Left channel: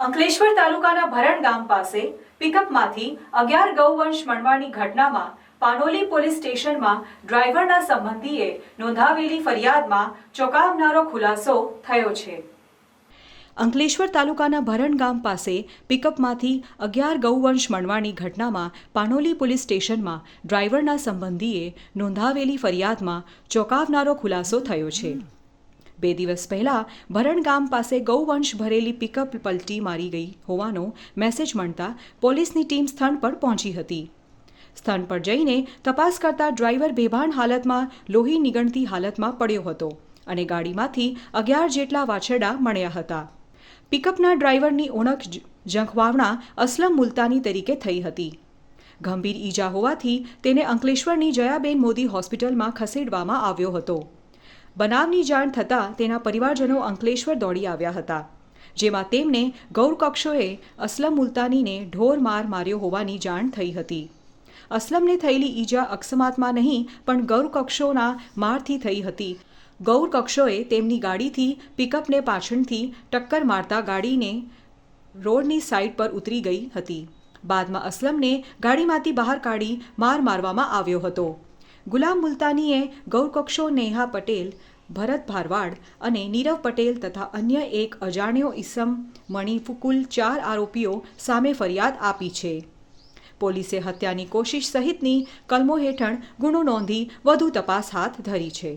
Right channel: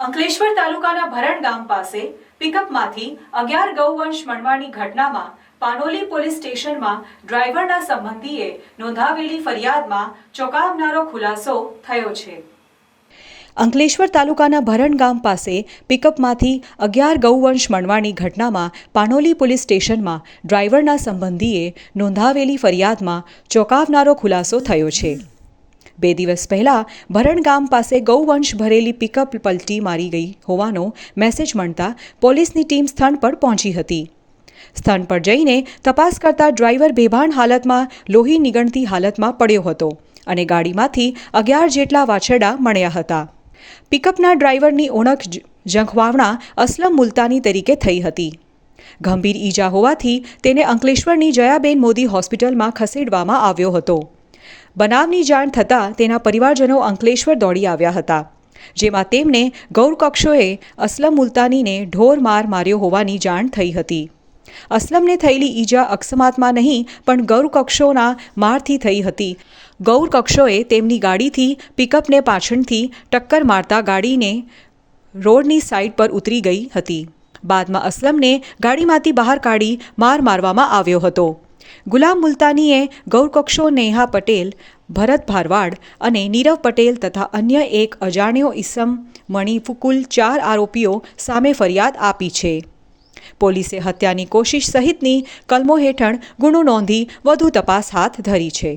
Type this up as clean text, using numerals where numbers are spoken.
અંકલેશ્વર તાલુકાના ભરણ ગામ પાસે પિકઅપમાંથી 11 ગૌવંશ મળવાની ઘટનામાં પાનોલી પોલીસ સ્ટેશનમાં ડ્રાઈવરના સંબંધીએ નોંધાવેલી ફરિયાદમાં ચોંકાવનારો ખુલાસો થયો છે। અંકલેશ્વર તાલુકાના ભરણ ગામ પાસે પિકઅપમાંથી 11 ગૌવંશ મળવાની ઘટનામાં પાનોલી પોલીસ સ્ટેશનમાં ડ્રાઈવરના સંબંધીએ નોંધાવેલી ફરિયાદમાં ચોંકાવનારો ખુલાસો થયો છે। 2 દિવસ પહેલા ભરણ ગામ પાસે ગૌવંશ ભરેલી પિકઅપ પલટી મારી ગઈ હોવાનો મેસેજ મળતા પોલીસની ટીમ સ્થળ પર પહોંચી હતી। સ્થળ પર જઈને તપાસ કરતા ડ્રાઈવર બેભાન હાલતમાં લોહી નીગળતી હાલતમાં પડ્યો હતો અને ગાડીમાંથી 11 જેટલા વાછરડા મળ્યા હતા। પિકઅપના ડ્રાઈવરની ઓળખ ઝંખવાવણા અસલમ મુલતાની તરીકે થઈ હતી। ગંભીર ઈજા હોવાથી તેને અંકલેશ્વરની જયાબેન મોદી હોસ્પિટલમાં ખસેડવામાં આવ્યો હતો। બનાવની જાણ થતાં તેના પરિવારજનો અંકલેશ્વર દોડી આવ્યા હતા, જેમાં તેમને ગૌરકક્ષોએ અસલમ મુલતાનીને ઢોર માર માર્યો હોવાની જાણ થઈ હતી। અસલમને થયેલી ઈજા અકસ્માતમાં નહીં પણ ગૌરકક્ષોના મારથી થઈ હતી। ગૌરકક્ષોએ તેમની ગાડીથી પિકઅપને પાછળથી ટક્કર મારતા ગાડીને રોડની સાઈડ પર ઉતરી ગઈ હતી। બાદમાં અસલમને ગાડીમાંથી બહાર કાઢી માર મારવામાં આવ્યો હતો। ગુલામ મુલતાનીએ ગૌરકક્ષો નેહા પટેલ, ભરત ભારવાડ અને નીરવ પટેલ તથા અન્ય એક અજાણ્યો ઈસમ મણી કુલ 4 આરોપીઓ સામે ફરિયાદ આપી છે। પોલીસે હત્યાની કોશિશ સહિતની કલમો હેઠળ ગુનો નોંધી વધુ તપાસ હાથ ધરી છે।